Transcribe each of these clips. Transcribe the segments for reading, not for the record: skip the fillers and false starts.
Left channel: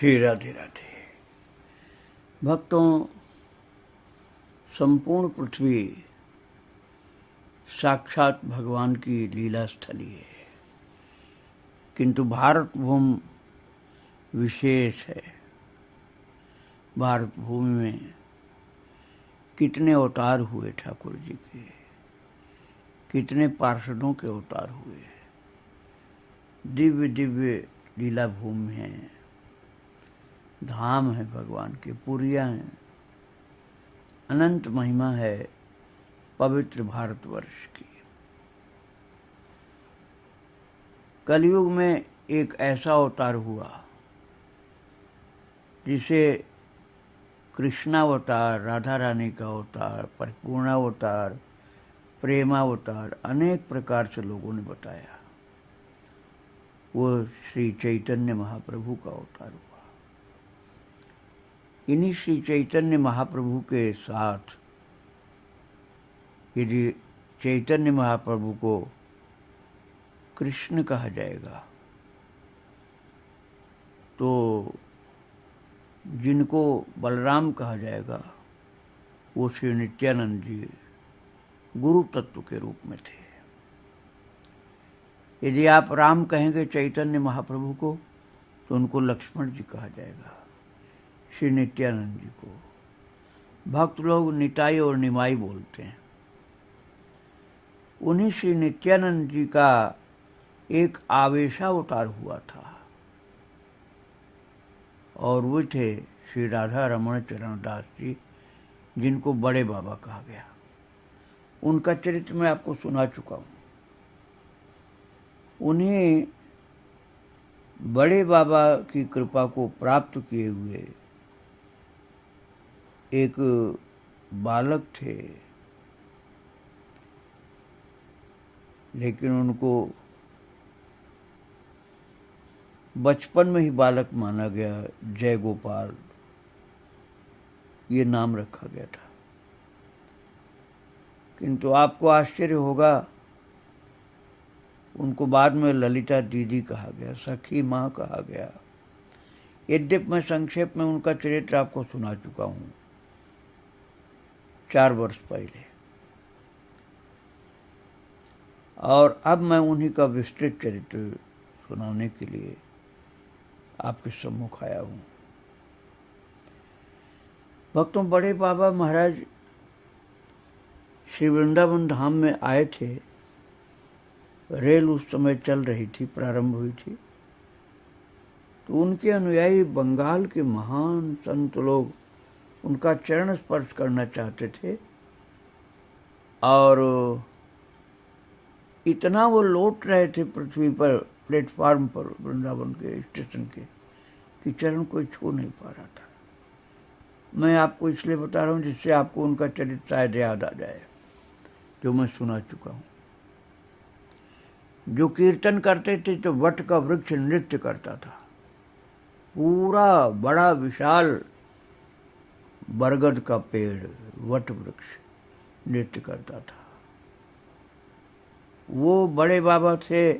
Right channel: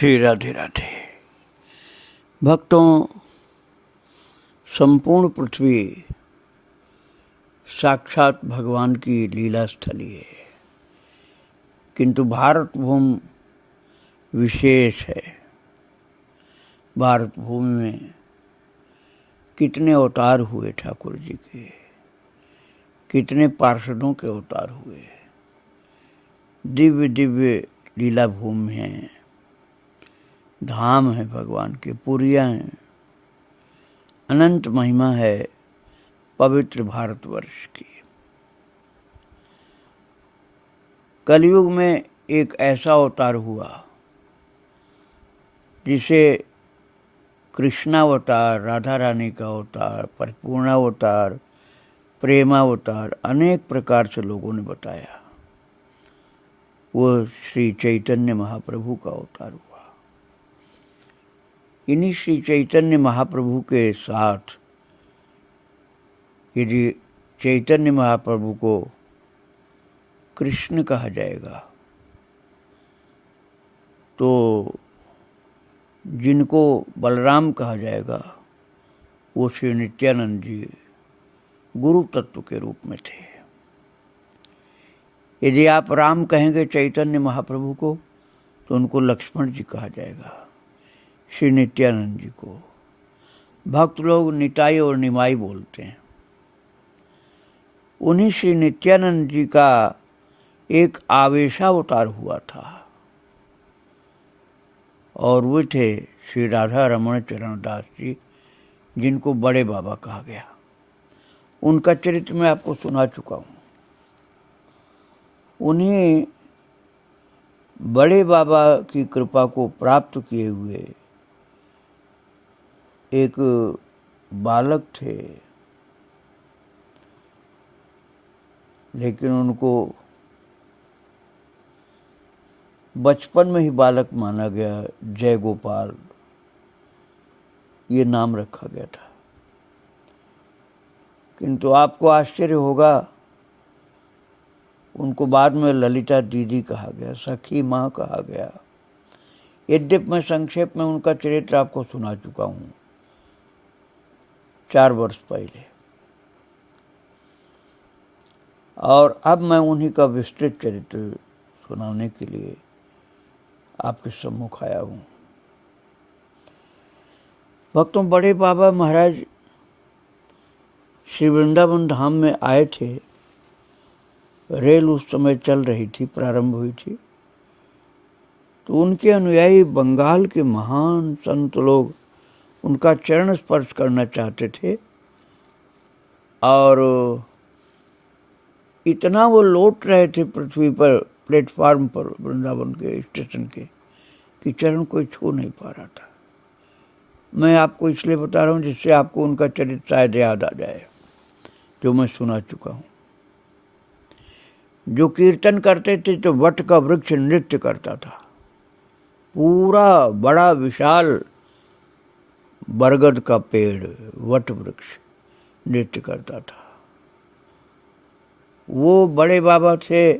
श्री राधे राधे। भक्तों, संपूर्ण पृथ्वी साक्षात भगवान की लीला स्थली है, किंतु भारत भूमि विशेष है। भारत भूमि में कितने अवतार हुए ठाकुर जी के, कितने पार्षदों के अवतार हुए। दिव्य दिव्य लीला भूमि है, धाम है भगवान के, पुरियाँ हैं, अनंत महिमा है पवित्र भारतवर्ष की। कलयुग में एक ऐसा अवतार हुआ जिसे कृष्णावतार, राधा रानी का अवतार, परिपूर्णावतार, प्रेमावतार अनेक प्रकार से लोगों ने बताया। वो श्री चैतन्य महाप्रभु का अवतार हुआ। इन्हीं श्री चैतन्य महाप्रभु के साथ यदि चैतन्य महाप्रभु को कृष्ण कहा जाएगा तो जिनको बलराम कहा जाएगा वो श्री नित्यानंद जी गुरु तत्व के रूप में थे। यदि आप राम कहेंगे चैतन्य महाप्रभु को तो उनको लक्ष्मण जी कहा जाएगा, श्री नित्यानंद जी को। भक्त लोग निताई और निमाई बोलते हैं। उन्हीं श्री नित्यानंद जी का एक आवेशावतार हुआ था और वो थे श्री राधा रमण चरण दास जी, जिनको बड़े बाबा कहा गया। उनका चरित्र मैं आपको सुना चुका हूँ। उन्हीं बड़े बाबा की कृपा को प्राप्त किए हुए एक बालक थे, लेकिन उनको बचपन में ही बालक माना गया। जय गोपाल ये नाम रखा गया था। किंतु आपको आश्चर्य होगा, उनको बाद में ललिता दीदी कहा गया, सखी माँ कहा गया। यद्यपि मैं संक्षेप में उनका चरित्र आपको सुना चुका हूँ 4 वर्ष पहले, और अब मैं उन्हीं का विस्तृत चरित्र सुनाने के लिए आपके सम्मुख आया हूँ। भक्तों, बड़े बाबा महाराज श्री वृंदावन धाम में आए थे। रेल उस समय चल रही थी, प्रारंभ हुई थी, तो उनके अनुयायी बंगाल के महान संत लोग उनका चरण स्पर्श करना चाहते थे और इतना वो लौट रहे थे पृथ्वी पर, प्लेटफार्म पर वृंदावन के स्टेशन के, कि चरण कोई छू नहीं पा रहा था। मैं आपको इसलिए बता रहा हूँ जिससे आपको उनका चरित्र शायद याद आ जाए, जो मैं सुना चुका हूँ। जो कीर्तन करते थे तो वट का वृक्ष नृत्य करता था। पूरा बड़ा विशाल बरगद का पेड़, वट वृक्ष नृत्य करता था। वो बड़े बाबा थे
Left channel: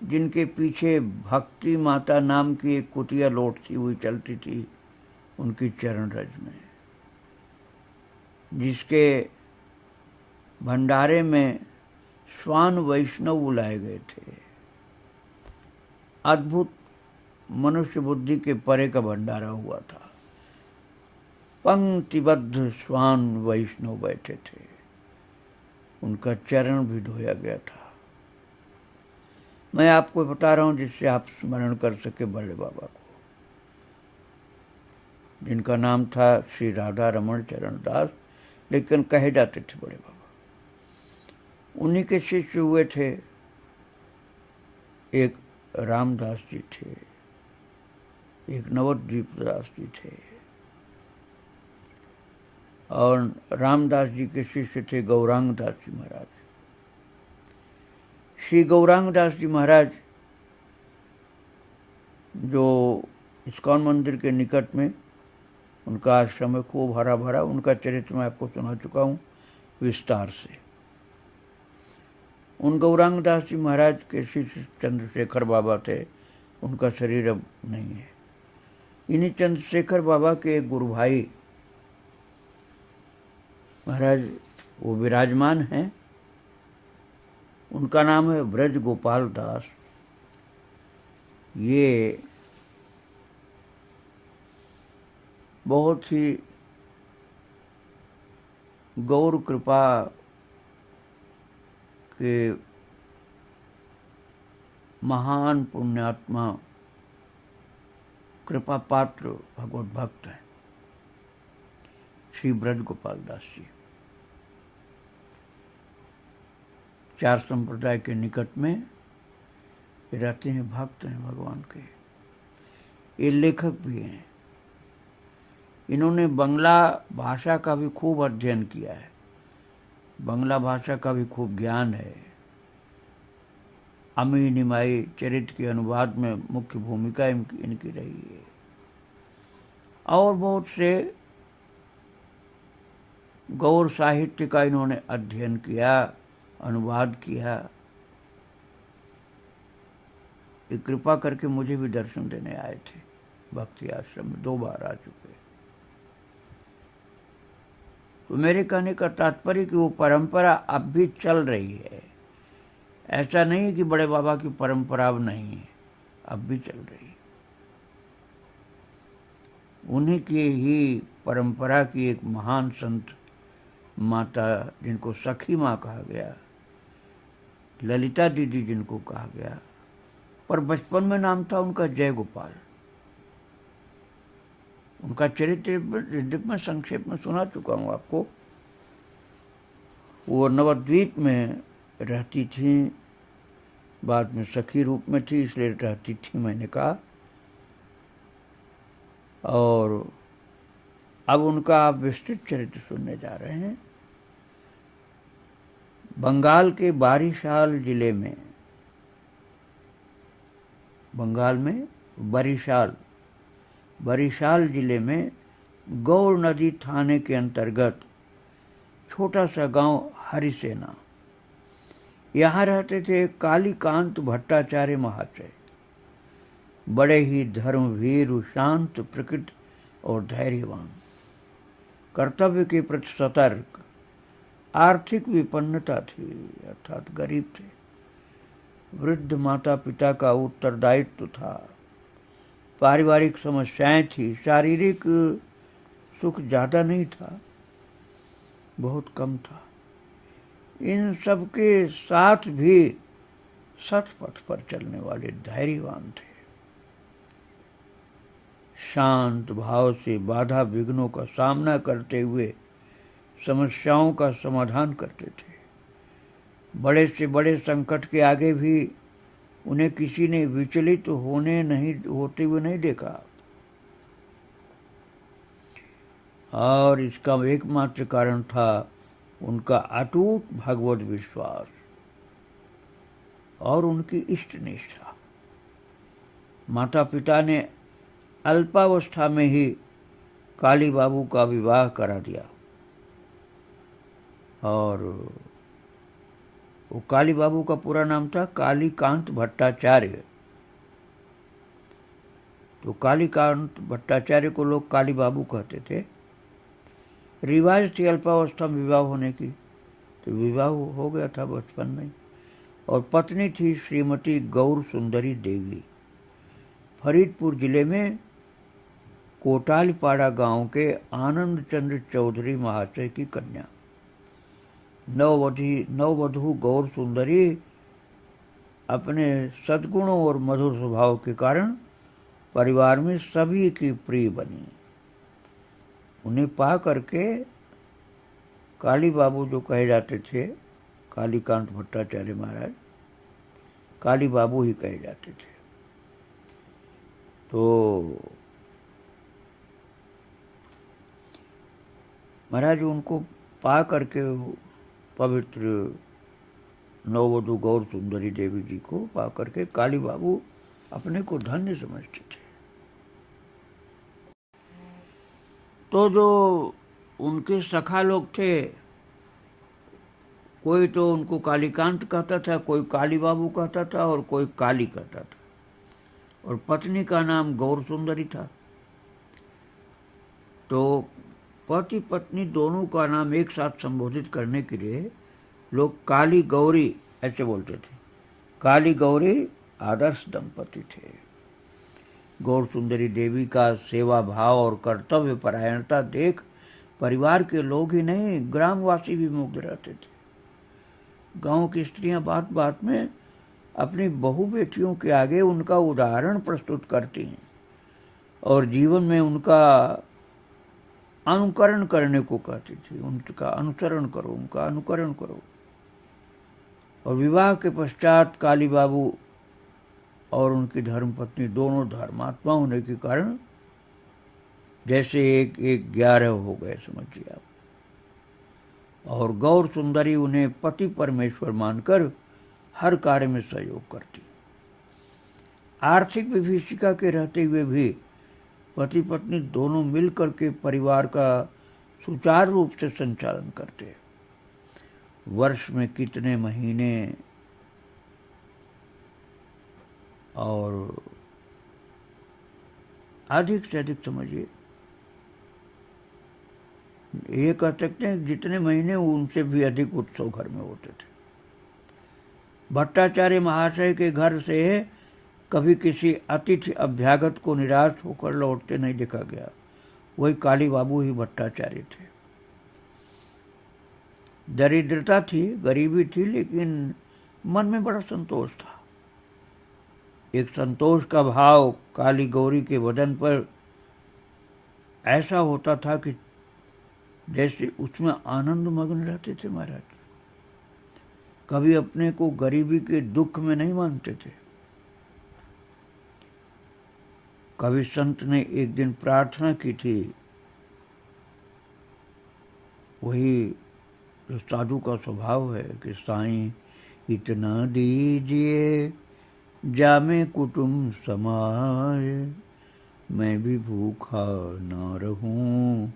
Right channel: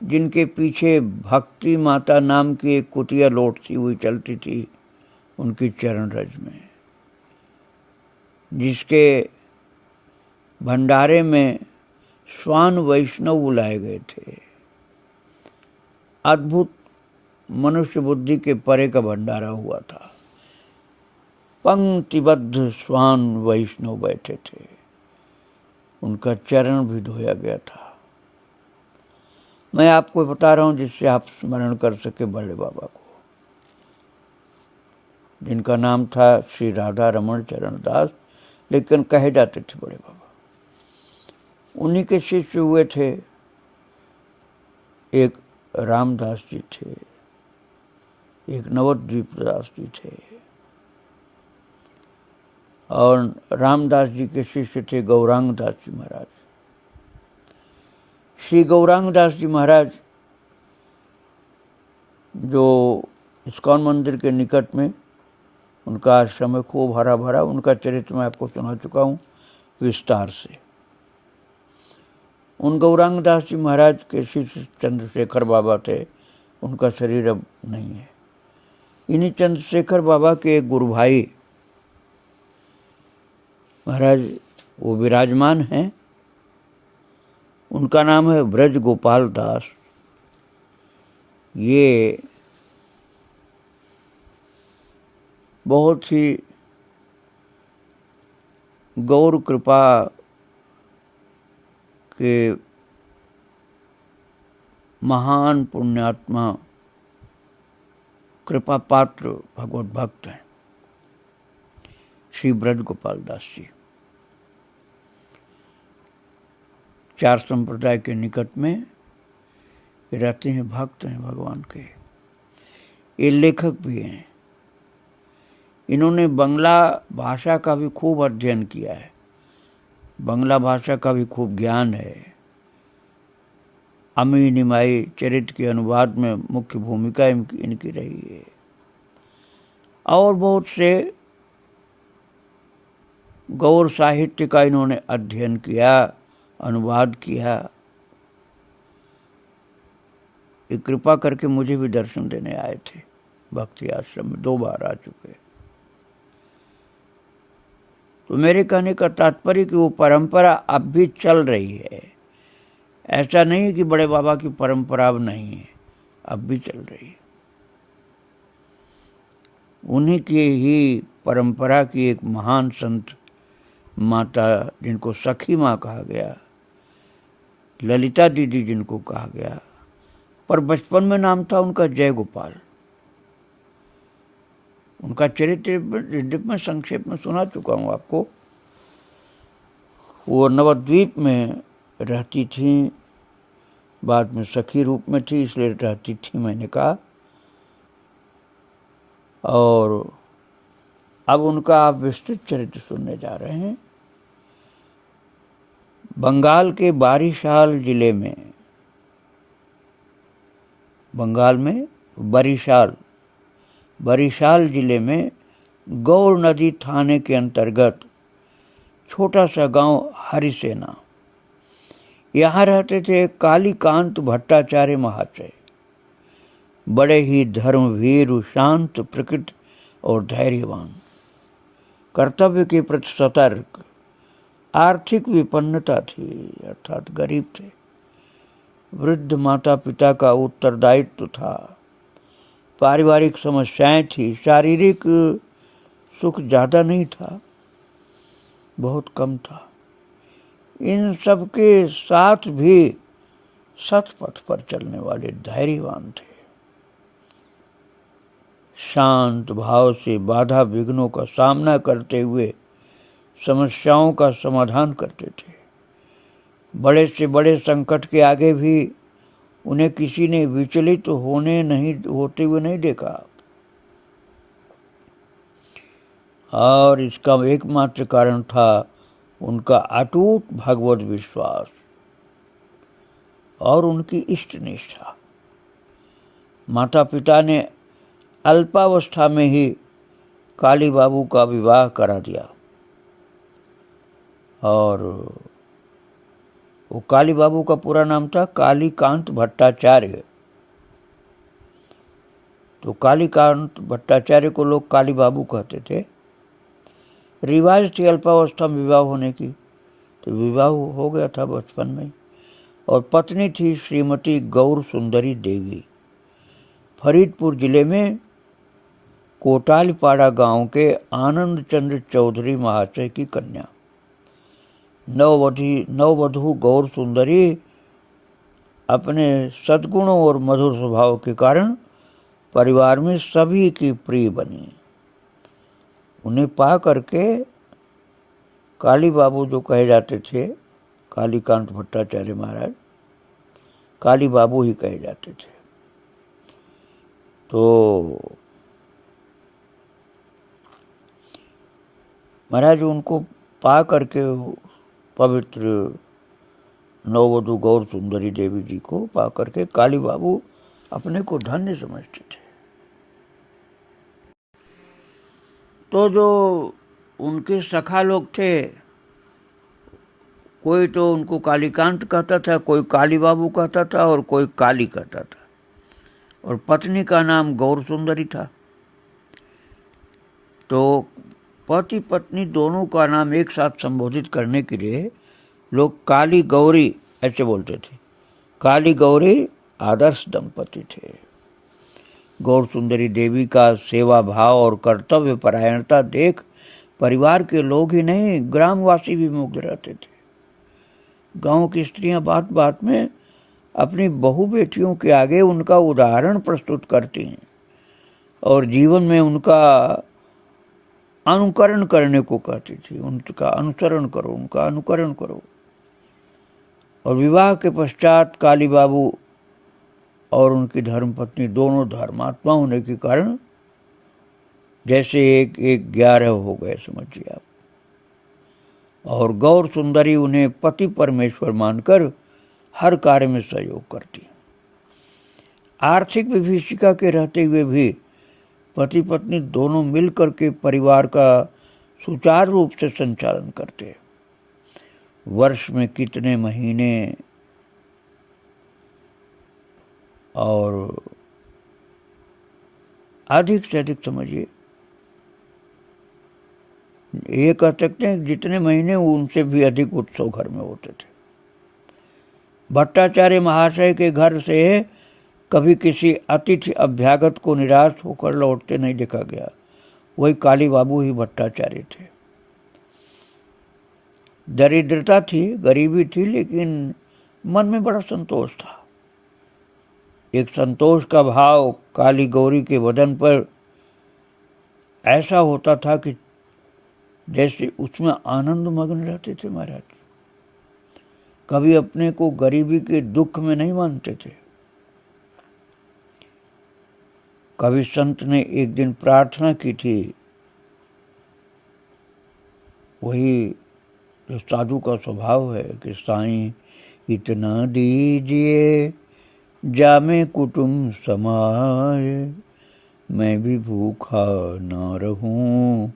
जिनके पीछे भक्ति माता नाम की एक कुटिया लौटती हुई चलती थी उनकी चरण रज में, जिसके भंडारे में स्वान वैष्णव बुलाए गए थे। अद्भुत मनुष्य बुद्धि के परे का भंडारा हुआ था। पंक्तिबद्ध स्वान वैष्णव बैठे थे, उनका चरण भी धोया गया था। मैं आपको बता रहा हूँ जिससे आप स्मरण कर सके बड़े बाबा को, जिनका नाम था श्री राधा रमण चरण दास, लेकिन कहे जाते थे बड़े बाबा। उन्हीं के शिष्य हुए थे एक रामदास जी थे, एक नवद्वीप दास जी थे, और रामदास जी के शिष्य थे गौरांग दास जी महाराज। श्री गौरांग दास जी महाराज जो इस्कॉन मंदिर के निकट में उनका आश्रम है, खूब हरा भरा। उनका चरित्र मैं आपको सुना चुका हूँ विस्तार से। उन गौरांग दास जी महाराज के शिष्य चंद्रशेखर बाबा थे, उनका शरीर अब नहीं है। इन्हीं चंद्रशेखर बाबा के एक गुरु भाई महाराज वो विराजमान हैं। उनका नाम है ब्रज गोपाल दास। ये बहुत ही गौर कृपा के महान पुण्यात्मा कृपा पात्र भगवत भक्त हैं श्री ब्रज गोपाल दास जी। 4 संप्रदाय के निकट में रहते हैं, भक्त हैं भगवान के। ये लेखक भी हैं। इन्होंने बंगला भाषा का भी खूब अध्ययन किया है, बंगला भाषा का भी खूब ज्ञान है। अमी निमाई चरित्र के अनुवाद में मुख्य भूमिका इनकी रही है और बहुत से गौर साहित्य का इन्होंने अध्ययन किया, अनुवाद किया। ये कृपा करके मुझे भी दर्शन देने आए थे भक्ति आश्रम में, 2 बार आ चुके। तो मेरे कहने का तात्पर्य कि वो परंपरा अब भी चल रही है। ऐसा नहीं कि बड़े बाबा की परंपरा अब नहीं है, अब भी चल रही है। उन्हीं की ही परंपरा की एक महान संत माता, जिनको सखी माँ कहा गया, ललिता दीदी जिनको कहा गया, पर बचपन में नाम था उनका जय गोपाल। उनका चरित्र में संक्षेप में सुना चुका हूँ आपको। वो नवद्वीप में रहती थी, बाद में सखी रूप में थी इसलिए रहती थी, मैंने कहा। और अब उनका आप विस्तृत चरित्र सुनने जा रहे हैं। बंगाल के बारिशाल जिले में, बंगाल में बरिशाल जिले में गौर नदी थाने के अंतर्गत छोटा सा गांव हरिसेना, यहाँ रहते थे कालीकांत भट्टाचार्य महाशय। बड़े ही धर्मवीर, शांत प्रकृति और धैर्यवान, कर्तव्य के प्रति सतर्क। आर्थिक विपन्नता थी, अर्थात गरीब थे। वृद्ध माता पिता का उत्तरदायित्व था। पारिवारिक समस्याएं थी। शारीरिक सुख ज़्यादा नहीं था, बहुत कम था। इन सब के साथ भी सतपथ पर चलने वाले धैर्यवान थे। शांत भाव से बाधा विघ्नों का सामना करते हुए समस्याओं का समाधान करते थे। बड़े से बड़े संकट के आगे भी उन्हें किसी ने विचलित होते हुए नहीं देखा। और इसका एकमात्र कारण था उनका अटूट भगवत विश्वास और उनकी इष्ट निष्ठा। माता पिता ने अल्पावस्था में ही काली बाबू का विवाह करा दिया और वो काली बाबू का पूरा नाम था कालीकांत भट्टाचार्य। तो कालीकांत भट्टाचार्य को लोग काली बाबू कहते थे। रिवाज थी अल्पावस्था में विवाह होने की, तो विवाह हो गया था बचपन में। और पत्नी थी श्रीमती गौर सुंदरी देवी, फरीदपुर जिले में कोटालीपाड़ा गांव के आनंद चंद्र चौधरी महाशय की कन्या। नववधू गौर सुंदरी अपने सद्गुणों और मधुर स्वभाव के कारण परिवार में सभी की प्रिय बनी। उन्हें पा करके काली बाबू जो कहे जाते थे, कालीकांत भट्टाचार्य महाराज काली बाबू ही कहे जाते थे। तो महाराज उनको पा करके पवित्र नववधू गौर सुंदरी देवी जी को पा करके काली बाबू अपने को धन्य समझते थे। तो जो उनके सखा लोग थे, कोई तो उनको कालीकांत कहता था, कोई काली बाबू कहता था और कोई काली कहता था। और पत्नी का नाम गौर सुंदरी था। तो पति पत्नी दोनों का नाम एक साथ संबोधित करने के लिए लोग काली गौरी ऐसे बोलते थे। काली गौरी आदर्श दंपति थे। गौर सुंदरी देवी का सेवा भाव और कर्तव्य परायणता देख परिवार के लोग ही नहीं, ग्रामवासी भी मुग्ध रहते थे। गांव की स्त्रियां बात बात में अपनी बहू बेटियों के आगे उनका उदाहरण प्रस्तुत करती हैं और जीवन में उनका अनुकरण करने को कहती थी। उनका अनुसरण करो, उनका अनुकरण करो। और विवाह के पश्चात काली बाबू और उनकी धर्मपत्नी दोनों धर्मात्मा होने के कारण जैसे एक 11 हो गए, समझिए आप। और गौर सुंदरी उन्हें पति परमेश्वर मानकर हर कार्य में सहयोग करती। आर्थिक विभीषिका के रहते हुए भी पति पत्नी दोनों मिलकर के परिवार का सुचारू रूप से संचालन करते। वर्ष में कितने महीने और अधिक से अधिक समझिए, ये कह सकते हैं जितने महीने उनसे भी अधिक उत्सव घर में होते थे। भट्टाचार्य महाशय के घर से कभी किसी अतिथि अभ्यागत को निराश होकर लौटते नहीं देखा गया। वही काली बाबू ही भट्टाचार्य थे। दरिद्रता थी, गरीबी थी, लेकिन मन में बड़ा संतोष था। एक संतोष का भाव काली गौरी के बदन पर ऐसा होता था कि जैसे उसमें आनंद मग्न रहते थे महाराज। कभी अपने को गरीबी के दुख में नहीं मानते थे। कभी संत ने एक दिन प्रार्थना की थी, वही जो साधु का स्वभाव है कि साईं इतना दीजिए जामे कुटुंब समाए, मैं भी भूखा ना रहूं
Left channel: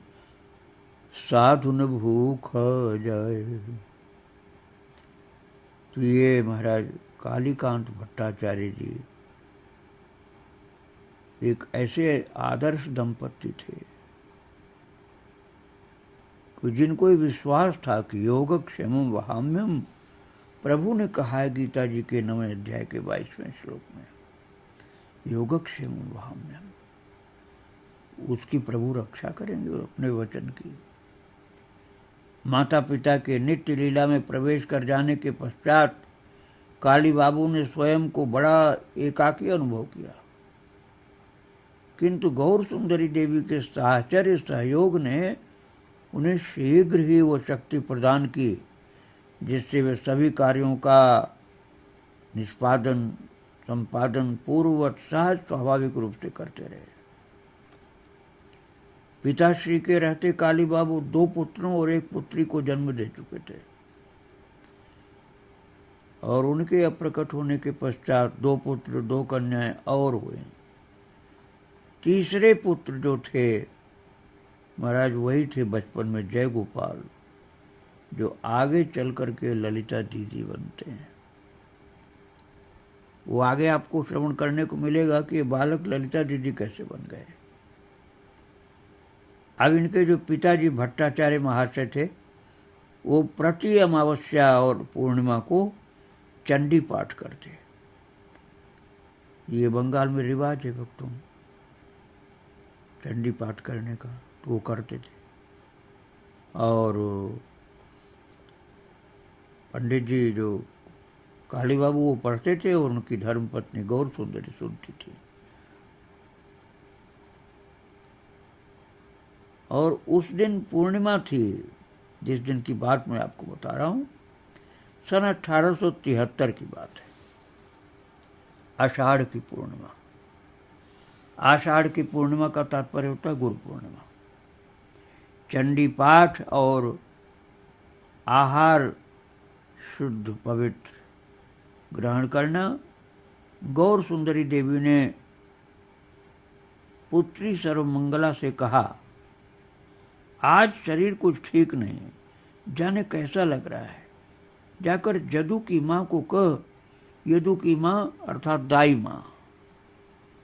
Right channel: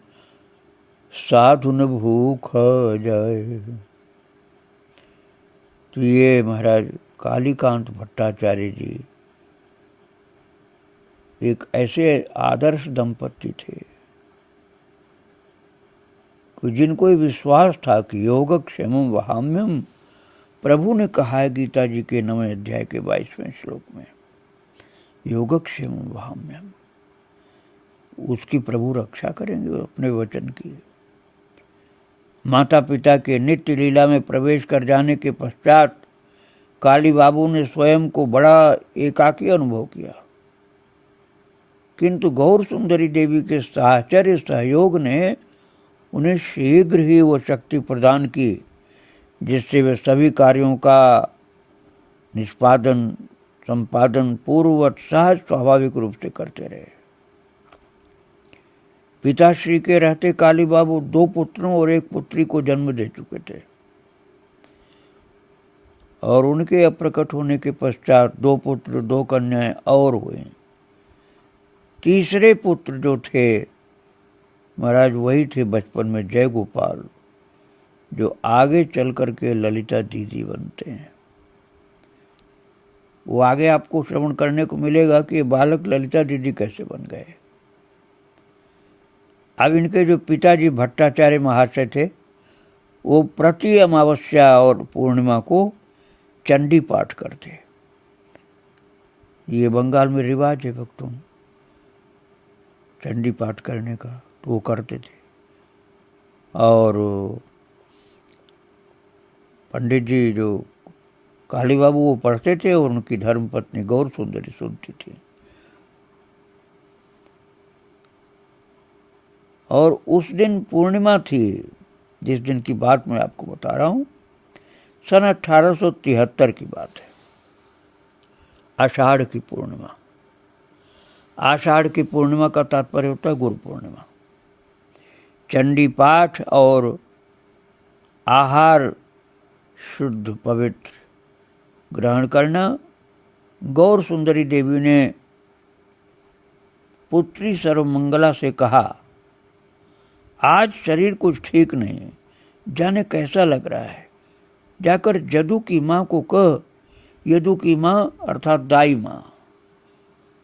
साधु न भूखा जाए। तो ये महाराज कालीकांत भट्टाचार्य जी एक ऐसे आदर्श दंपति थे कि जिनको ये विश्वास था कि योगक्षेमं वहाम्यम, प्रभु ने कहा है गीता जी के 9वें अध्याय के 22वें श्लोक में, योगक्षेमं वहाम्यम, उसकी प्रभु रक्षा करेंगे अपने वचन की। माता पिता के नित्य लीला में प्रवेश कर जाने के पश्चात काली बाबू ने स्वयं को बड़ा एकाकी अनुभव किया, किंतु गौर सुंदरी देवी के साहचर्य सहयोग ने उन्हें शीघ्र ही वो शक्ति प्रदान की जिससे वे सभी कार्यों का निष्पादन संपादन पूर्ववत सहज स्वाभाविक रूप से करते रहे। पिताश्री के रहते काली बाबू 2 पुत्रों और 1 पुत्री को जन्म दे चुके थे और उनके अप्रकट होने के पश्चात 2 पुत्र 2 कन्याएं और हुए। तीसरे पुत्र जो थे महाराज वही थे बचपन में जय गोपाल, जो आगे चल कर के ललिता दीदी बनते हैं। वो आगे आपको श्रवण करने को मिलेगा कि ये बालक ललिता दीदी कैसे बन गए। अब इनके जो पिताजी भट्टाचार्य महाशय थे वो प्रति अमावस्या और पूर्णिमा को चंडी पाठ करते। ये बंगाल में रिवाज है भक्तों, चंडी पाठ करने का, तो वो करते थे। और पंडित जी जो काली बाबू वो पढ़ते थे और उनकी धर्मपत्नी गौर सुंदरी सुनती थी। और उस दिन पूर्णिमा थी, जिस दिन की बात मैं आपको बता रहा हूँ, सन 1873 की बात है। आषाढ़ की पूर्णिमा। आषाढ़ की पूर्णिमा का तात्पर्य होता है गुरु पूर्णिमा। चंडी पाठ और आहार शुद्ध पवित्र ग्रहण करना। गौर सुंदरी देवी ने पुत्री सर्वमंगला से कहा, आज शरीर कुछ ठीक नहीं, जाने कैसा लग रहा है, जाकर जदू की माँ को कह। यदु की माँ अर्थात दाई माँ,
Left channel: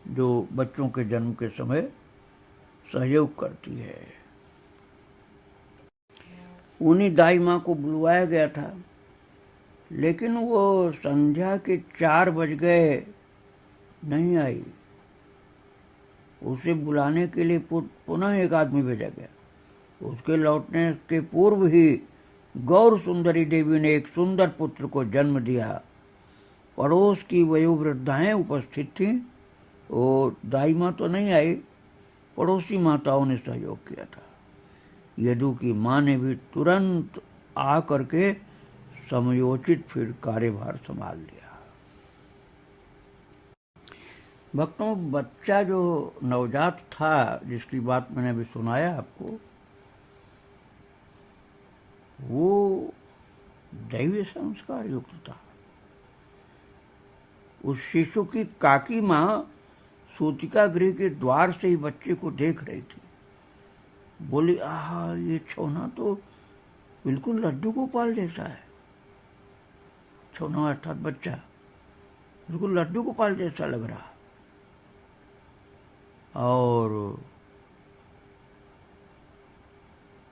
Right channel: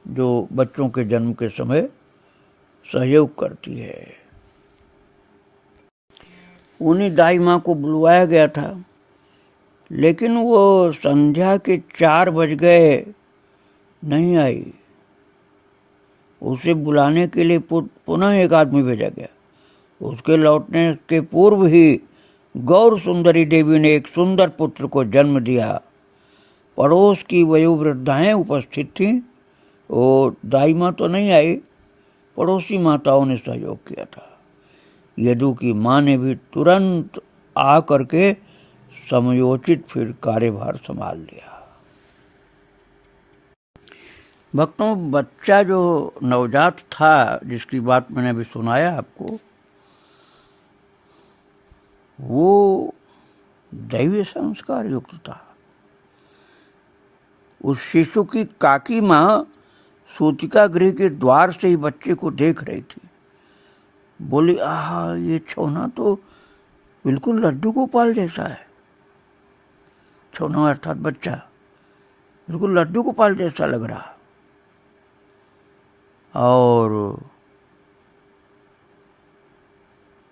जो बच्चों के जन्म के समय सहयोग करती है। उन्हीं दाई माँ को बुलवाया गया था, लेकिन वो संध्या के 4 बज गए, नहीं आई। उसे बुलाने के लिए पुनः एक आदमी भेजा गया। उसके लौटने के पूर्व ही गौर सुंदरी देवी ने एक सुंदर पुत्र को जन्म दिया। पड़ोस की वयोवृद्धाएं उपस्थित थीं। वो दाई माँ तो नहीं आई, पड़ोसी माताओं ने सहयोग किया था। यदु की माँ ने भी तुरंत आ करके समयोचित फिर कार्यभार संभाल लिया। भक्तों, बच्चा जो नवजात था, जिसकी बात मैंने अभी सुनाया आपको, वो दैवीय संस्कार युक्त था। उस शिशु की काकी माँ सूतिका गृह के द्वार से ही बच्चे को देख रही थी। बोली, आहा, ये छोना तो बिल्कुल लड्डू गोपाल जैसा है। छोना अर्थात बच्चा बिल्कुल लड्डू गोपाल जैसा लग रहा। और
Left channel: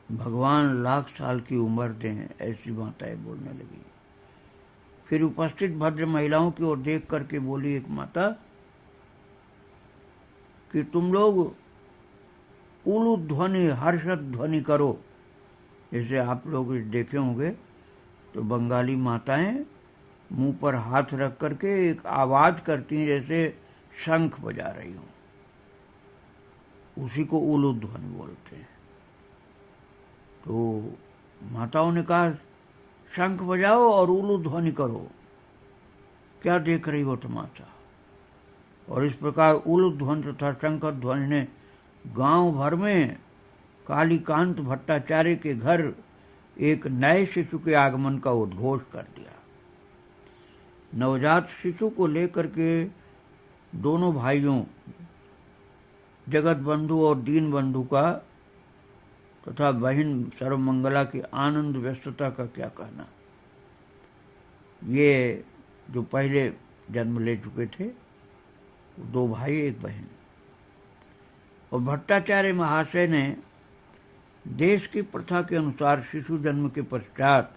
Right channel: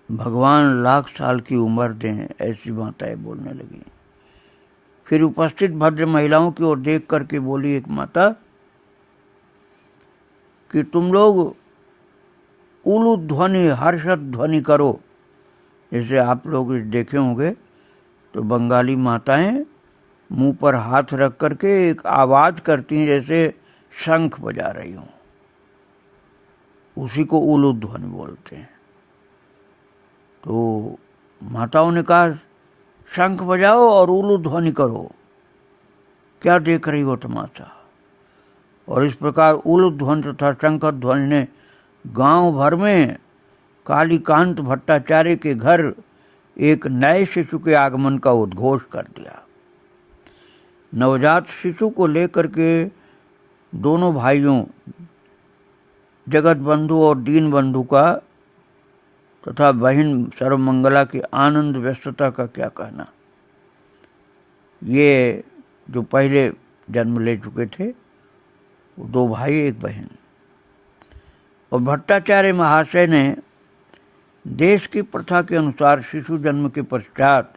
भगवान लाख साल की उम्र दें, ऐसी माताएं बोलने लगी। फिर उपस्थित भद्र महिलाओं की ओर देख करके बोली एक माता कि तुम लोग उलू ध्वनि, हर्षद ध्वनि करो। जैसे आप लोग देखे होंगे तो बंगाली माताएं मुंह पर हाथ रख करके एक आवाज करती हैं, जैसे शंख बजा रही हूं। उसी को उलू ध्वनि बोलते हैं। तो माताओं ने कहा, शंख बजाओ और उलू ध्वनि करो, क्या देख रही हो तमाशा। और इस प्रकार उलू ध्वनि तथा शंख ध्वनि ने गांव भर में कालीकांत भट्टाचार्य के घर एक नए शिशु के आगमन का उद्घोष कर दिया। नवजात शिशु को लेकर के दोनों भाइयों जगत बंधु और दीन बंधु का तथा बहन सर्वमंगला की आनंद व्यस्तता का क्या कहना। ये जो पहले जन्म ले चुके थे, 2 भाई 1 बहन। और भट्टाचार्य महाशय ने देश की प्रथा के अनुसार शिशु जन्म के पश्चात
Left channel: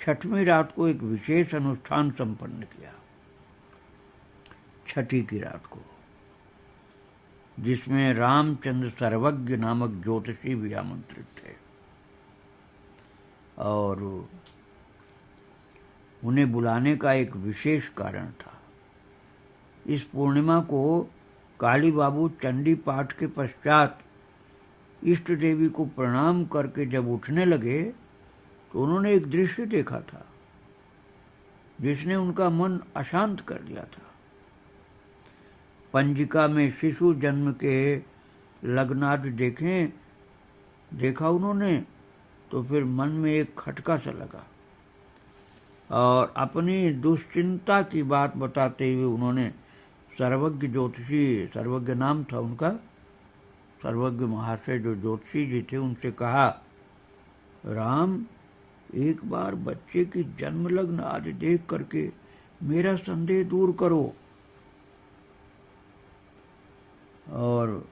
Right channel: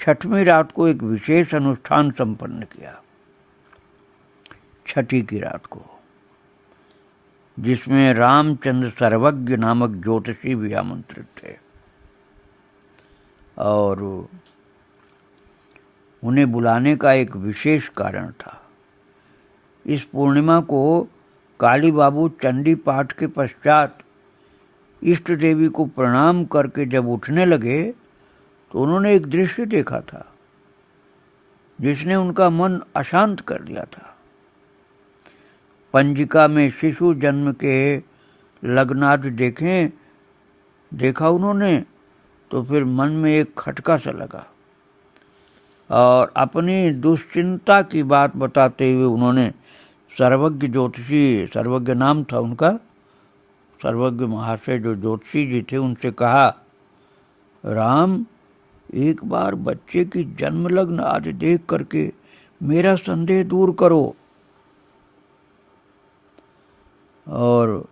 6वीं रात को एक विशेष अनुष्ठान संपन्न किया। 6ठी की रात को, जिसमें रामचंद्र सर्वज्ञ नामक ज्योतिषी भी आमंत्रित थे। और उन्हें बुलाने का एक विशेष कारण था। इस पूर्णिमा को काली बाबू चंडी पाठ के पश्चात इष्ट देवी को प्रणाम करके जब उठने लगे तो उन्होंने एक दृश्य देखा था जिसने उनका मन अशांत कर दिया था। पंजिका में शिशु जन्म के लग्नादि देखा उन्होंने, तो फिर मन में एक खटका सा लगा और अपनी दुश्चिंता की बात बताते हुए उन्होंने सर्वज्ञ ज्योतिषी, सर्वज्ञ नाम था उनका, सर्वज्ञ महाशय जो ज्योतिषी जी थे, उनसे कहा, राम, एक बार बच्चे की जन्म लग्न आदि देख करके मेरा संदेह दूर करो। और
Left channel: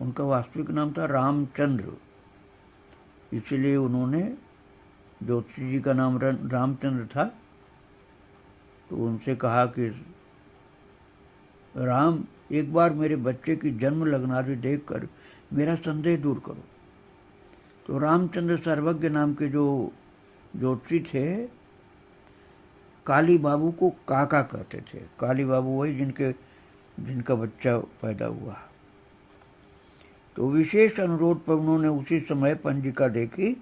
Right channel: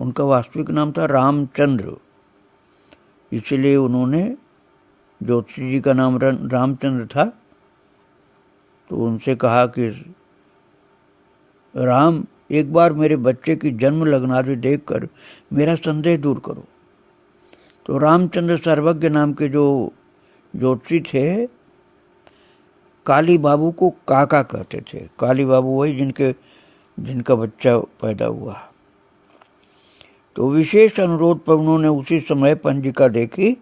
उनका वास्तविक नाम था रामचंद्र, इसलिए उन्होंने, ज्योतिषी जी का नाम रामचंद्र था, तो उनसे कहा कि राम, एक बार मेरे बच्चे की जन्म लग्न आदि देखकर मेरा संदेह दूर करो। तो रामचंद्र सर्वज्ञ नाम के जो ज्योतिषी थे, काली बाबू को काका कहते थे। काली बाबू वही जिनका बच्चा पैदा हुआ। तो विशेष अनुरोध पर उन्होंने उसी समय पंजिका देखी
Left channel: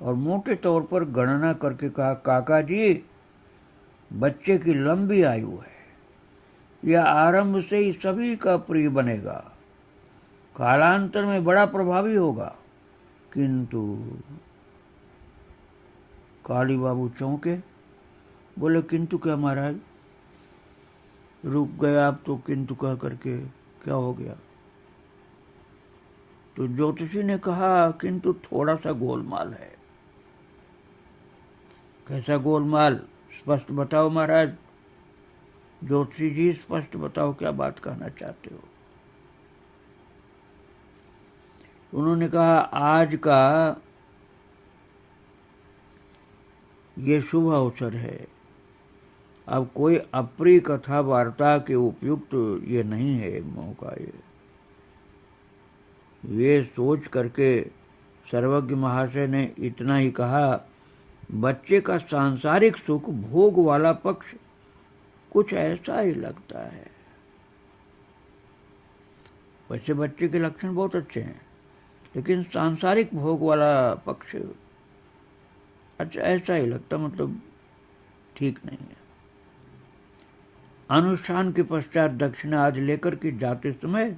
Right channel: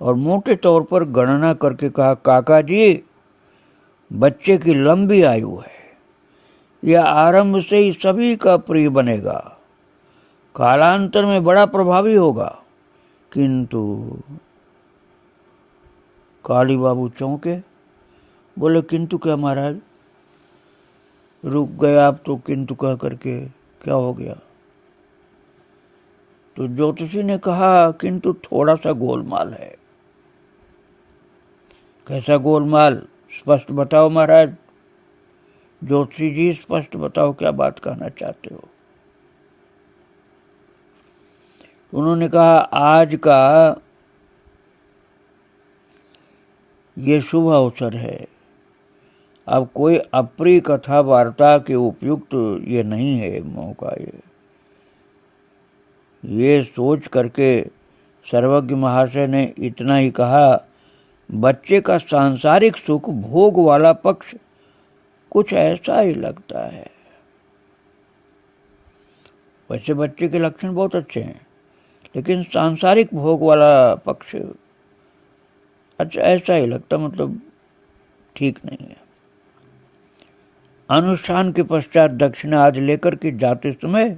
और मोटे तौर पर गणना करके कहा, काका जी, बच्चे की लंबी आयु है, यह आरंभ से ही सभी का प्रिय बनेगा, कालांतर में बड़ा प्रभावी होगा। किंतु काली बाबू चौंके, बोले, किंतु क्या महाराज? रुक गए आप तो किंतु कह करके, क्या हो गया? तो ज्योतिषी ने कहा, किंतु थोड़ा सा गोलमाल है। कैसा गोलमाल? स्पष्ट बताओ महाराज। ज्योतिषी जी, स्पष्ट बताओ, क्या बात कहना चाहते हो? उन्होंने कहा आज का ये शुभ अवसर है, अब कोई अप्रिय कथा वार्ता के उपयुक्त ये नहीं है मौका। ये सोच करके सर्वज्ञ महाशय ने इतना ही कहा, बच्चे का सांसारिक सुख भोग वाला पक्ष कुछ ऐसा ही लगता है। वैसे बच्चे के लक्षण बहुत अच्छे हैं, लेकिन सांसारिक भोग वाला पक्ष अच्छा ऐसा ही लगता, मतलब ठीक नहीं है। अनुष्ठान के पश्चात दक्षिणा आदि लेकर के जाते समय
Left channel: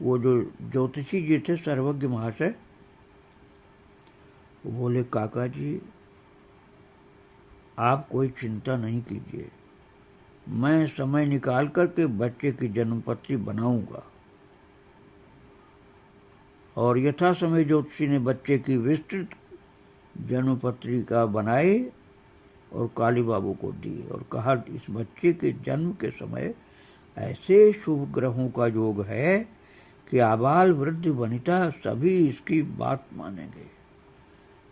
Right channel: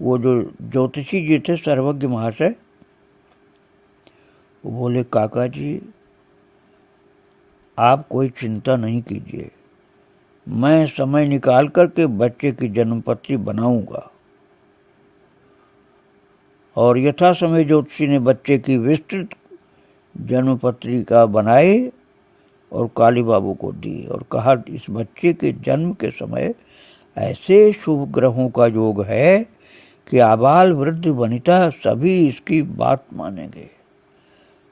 वो जो ज्योतिषी जी थे सर्वज्ञ महाशय, वो बोले, काका जी आप कोई चिंता नहीं कीजिए, मैं समय निकाल करके बच्चे की जन्मपत्री बनाऊंगा। और यथा समय ज्योतिषी ने बच्चे की विस्तृत जन्म पत्रिका बनाई और काली बाबू को दी और कहा, इस बच्चे के जन्म के समय ऐसे शुभ ग्रहों का योग है कि आबाल वृद्ध वनिता सभी इसकी बात मानेंगे,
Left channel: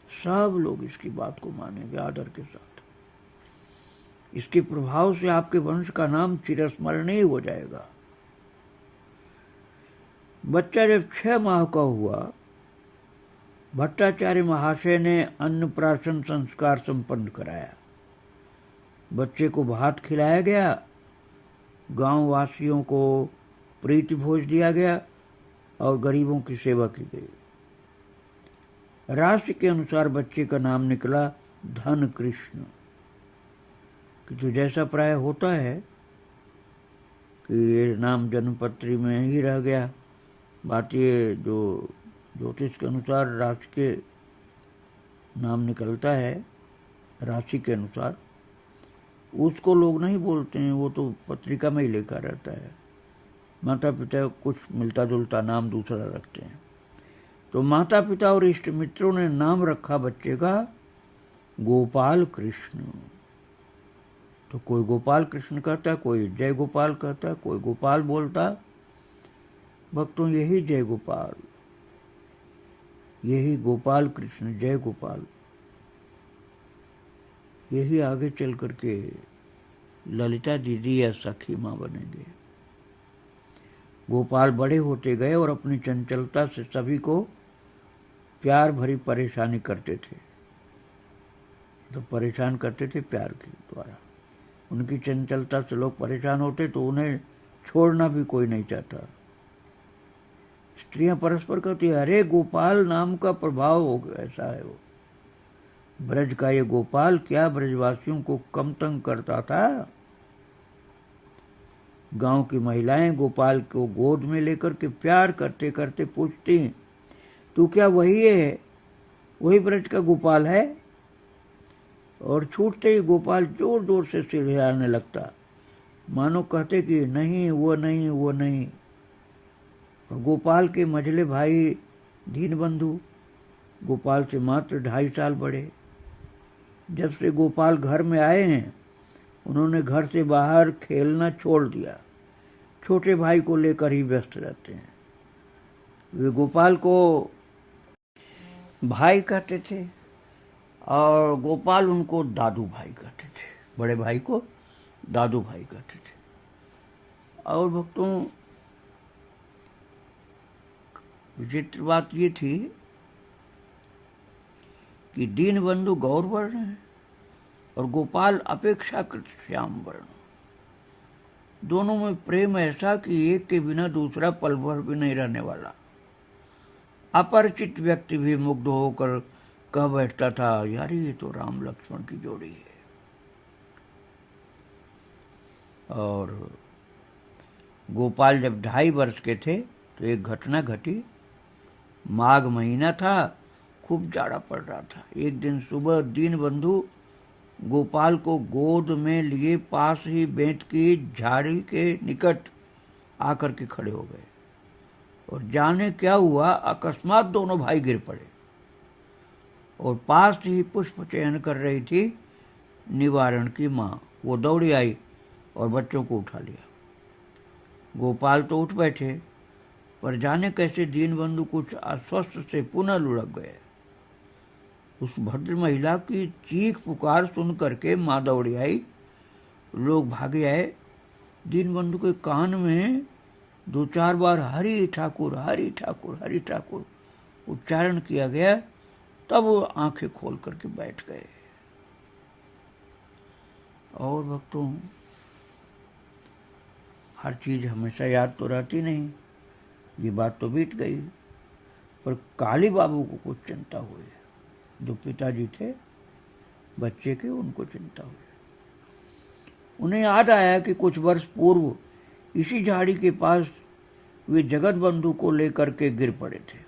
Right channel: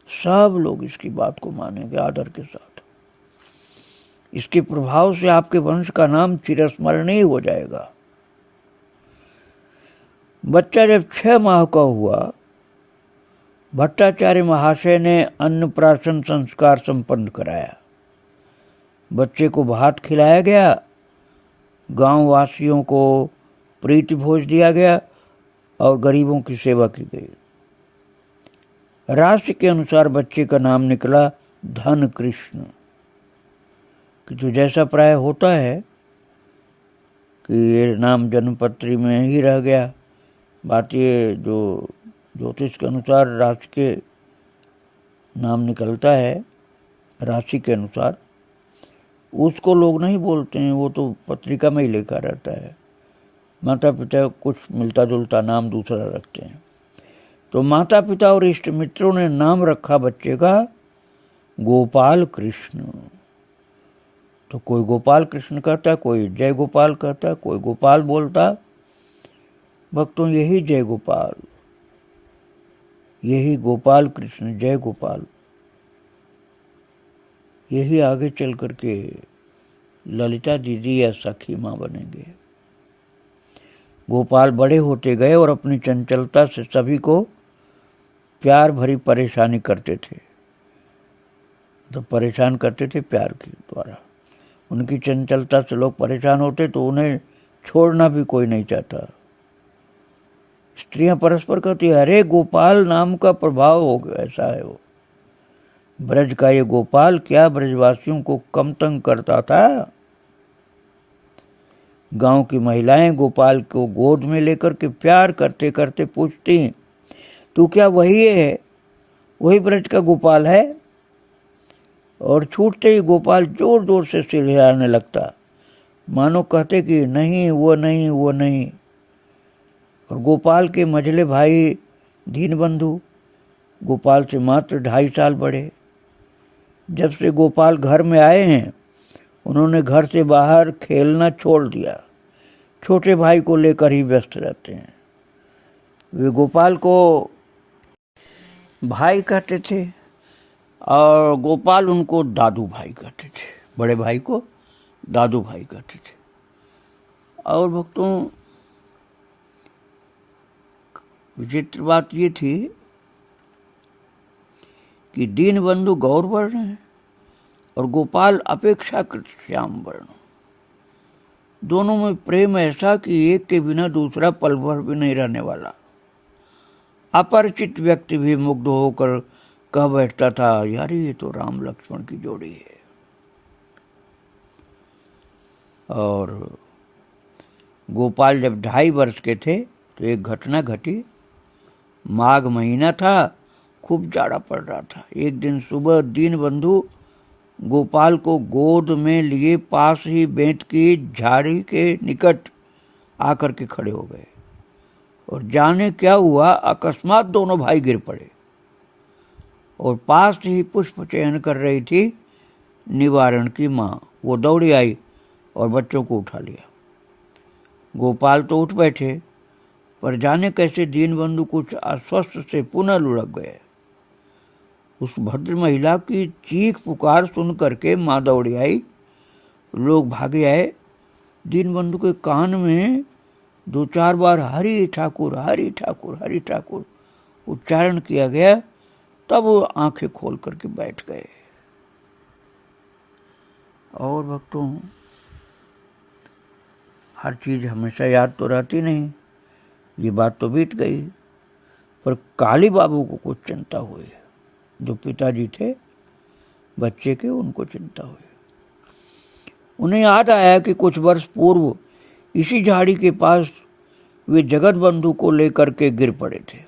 सब लोग इसकी बात को मानेंगे आदर के साथ। इसके प्रभाव से आपके वंश का नाम चिरस्मरणीय हो जाएगा। बच्चा जब 6 माह का हुआ, भट्टाचार्य महाशय ने अन्नप्राशन संस्कार संपन्न कराया। बच्चे को भात खिलाया गया, गांव वासियों को प्रीति भोज दिया गया और गरीबों की सेवा की गई। राशि के अनुसार बच्चे का नाम निकला धन कृष्ण, कि जो जैसा प्राय होता है कि ये नाम जन्मपत्री में ही रह गया। बात ये जो ज्योतिष के अनुसार राशि के नाम निकलता है, राशि के अनुसार, उसको लोग नहीं बोलते हैं, वो तो पत्रिका में ही लिखा रहता है। माता पिता कुछ मिलता जुलता नाम दूसरा रखते हैं। तो माता पिता और इष्ट मित्रों ने नाम रखा बच्चे का गोपाल कृष्ण। तो कोई गोपाल कृष्ण कहता, कोई जय गोपाल कहता, कोई गोपाल बोलता। भक्तों, यही जय गोपाल, यही गोपाल कृष्ण, जय गोपाल, यही आगे चल करके ललिता दीदी या सखी माँ बनेंगे। गोपाल बड़े होते गए और अपनी चंचलता से सभी को प्यार भरी परेशानी करते थे। तो परेशान करते थे प्यार के द्वारा। उनकी चंचलता से लोग परेशान होते तो उन्हें छोड़ना भी कोई नहीं चाहता। स्त्रियां परस्पर कहती है, अरे गोपाल नाम का प्रभाव हो गया, ऐसा है वो ब्रज का ये गोपाल क्या ब्रजवासियों को कम तंग करता था। गांव की महिलाएं गोपाल को गोद में लेकर के प्यार करते करते पूछती, तू क्या वही है, वही ब्रज का गोपाल है? और छूटते ही गोपाल जोर जोर से सिर हिलाने लगता, मानो कहते कि नहीं वो नहीं वो नहीं। और गोपाल के मझले भाई दीनबंधु गोपाल से मात्र 2.5 साल बड़े, जब से गोपाल घर में आए हैं उन्होंने घर से बाहर खेलना छोड़ दिया, छोटे भाई को लेकर ही व्यस्त रहते हैं। वे गोपाल को भाई कहते थे और गोपाल उनको दादू भाई कहते थे, बड़े भाई को दादू भाई कहते थे। और भक्तों, विचित्र बात ये थी कि दीनबंधु गौर वर्ण है और गोपाल अपेक्षाकृत श्याम वर्ण। दोनों में प्रेम ऐसा कि एक के बिना दूसरा पल भर भी नहीं रहने वाला। अपरिचित व्यक्ति भी मुग्ध होकर कह बैठता था, यार ये तो राम लक्ष्मण की जोड़ी है। और गोपाल जब 2.5 वर्ष के थे तो एक घटना घटी। माघ महीना था, खूब जाड़ा पड़ रहा था। एक दिन सुबह दीनबंधु गोपाल को गोद में लिए पास ही बेंत की झाड़ी के निकट आकर के खड़े हो गए और जाने क्या हुआ, अकस्मात दोनों भाई गिर पड़े और पास ही पुष्प चयन कर रही थी निवारण की माँ। वो दौड़ी आई और बच्चों को उठा लिया। गोपाल तो उठ बैठे पर जाने कैसे दीनबंधु कुछ अस्वस्थ से पुनः लुढ़क गए। उस भद्र महिला की चीख पुकार सुन करके माँ दौड़ी आई, लोग भागे आए। दीनबंधु के कान में 2-4 बार हरि ठाकुर हरि ठाकुर हरि ठाकुर उच्चारण किया गया, तब वो आंखें खोल करके बैठ गए। और भक्तों, हर चीज हमेशा याद तो रहती नहीं, ये बात तो बीत गई, पर काली बाबू को कुछ चिंता हुई। जो पिताजी थे बच्चे के, उनको चिंता हुई। उन्हें याद आया कि कुछ वर्ष पूर्व इसी झाड़ी के पास वे जगत बंधु को लेकर के गिर पड़े थे।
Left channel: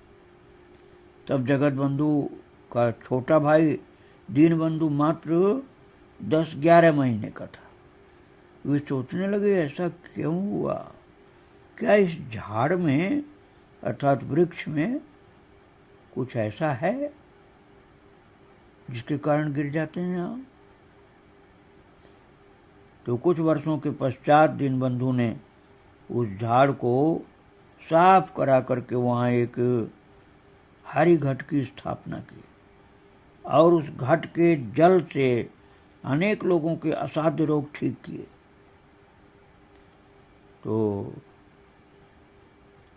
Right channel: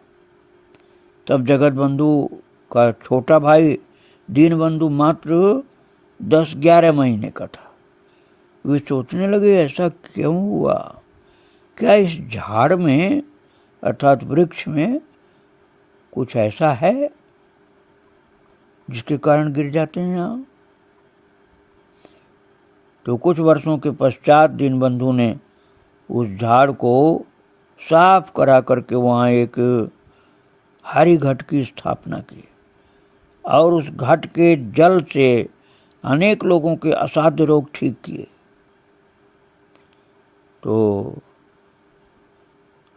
तब जगत बंधु का छोटा भाई दीनबंधु मात्र 10-11 महीने का था। वे सोचने लगे, ऐसा क्यों हुआ? क्या इस झाड़ में अर्थात वृक्ष में कुछ ऐसा है जिसके कारण गिर जाते हैं यहाँ? तो कुछ वर्षों के पश्चात दीनबंधु ने उस झाड़ को साफ करा करके वहाँ एक हरि घट की स्थापना की और उस घट के जल से अनेक लोगों के असाध्य रोग ठीक किए। तो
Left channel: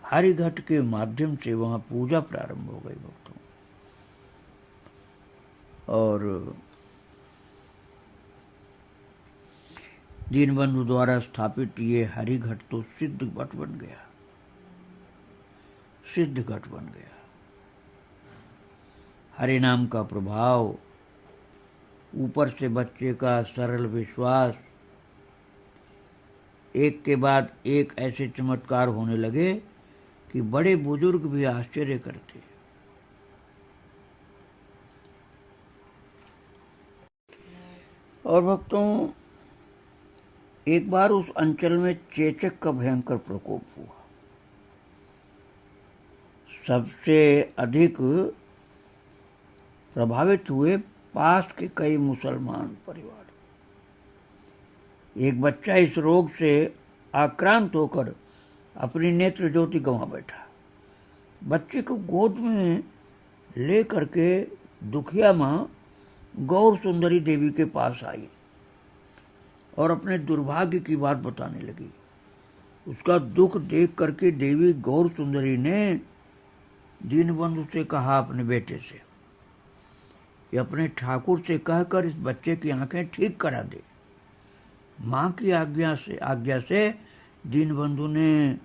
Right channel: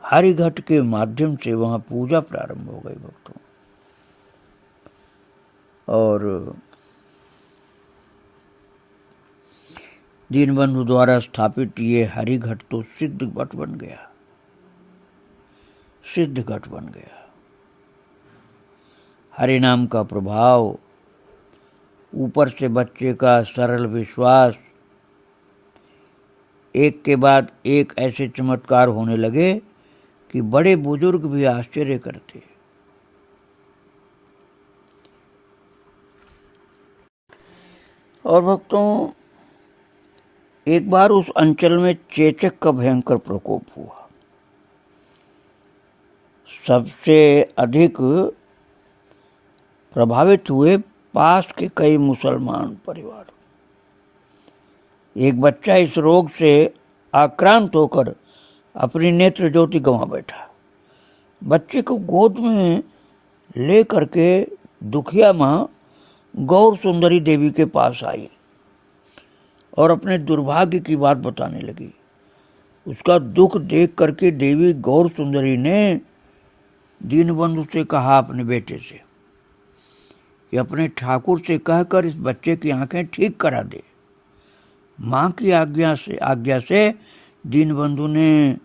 हरि घट के माध्यम से वहाँ पूजा प्रारंभ हो गई भक्तों। और दीनबंधु द्वारा स्थापित ये हरि घट तो सिद्ध घट बन गया, सिद्ध घट बन गया। हरि नाम का प्रभाव, ऊपर से बच्चे का सरल विश्वास, एक के बाद एक ऐसे चमत्कार होने लगे कि बड़े बुजुर्ग भी आश्चर्य करते। और भक्तों, एक बार उस अंचल में चेचक का भयंकर प्रकोप हुआ। सबसे अधिक प्रभावित हुए पास के कई मुसलमान परिवार। एक बच्चा इस रोग से आक्रांत होकर अपनी नेत्र ज्योति गंवा बैठा। बच्चे को गोद में ले करके दुखिया माँ गौर सुंदरी देवी के पास आई और अपने दुर्भाग्य की बात बताने लगी। उसका दुख देख करके देवी गौर सुंदरी ने दीनबंधु से कहा अपने बेटे से कि अपने ठाकुर से कहकर इस बच्चे की आंखें ठीक करा दे। माँ की आज्ञा से दीनबंधु ने,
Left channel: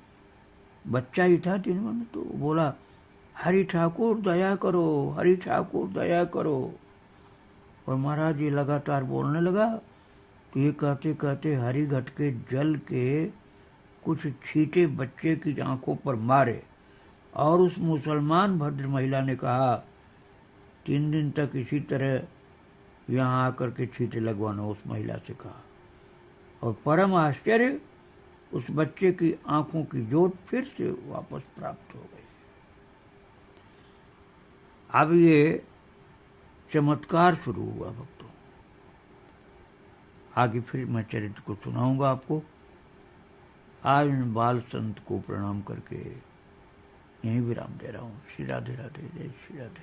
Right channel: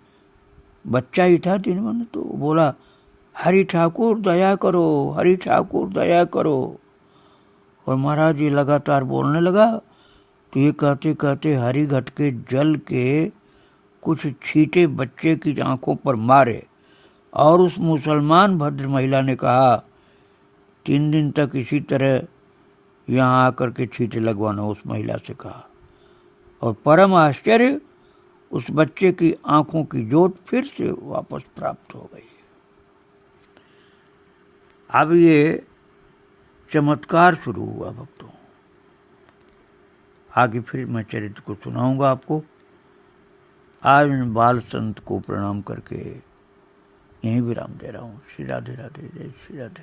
बच्चा ही था दीनबंधु, तो बोला, हरि ठाकुर दया करो, हरि ठाकुर दया करो। और महाराज ये लगातार बोलने लगा। तो ये कहते कहते हरि घट के जल के कुछ छींटे बच्चे की आंखों पर मारे और उस मुसलमान भद्र महिला ने कहा, 3 दिन तक इसी तरह यहाँ आकर के छींटे लगवाना, उस महिला से कहा। और परम आश्चर्य, उस बच्चे की आंखों की ज्योत फिर से वापस प्राप्त हो गई। अब ये चमत्कार शुरू हुआ भक्तों। आगे फिर मैं चरित्र को सुनाऊंगा आपको। आज मैं बाल संत को प्रणाम करके यहीं विराम दे रहा हूँ। श्री राधे राधे, जय श्री राधे।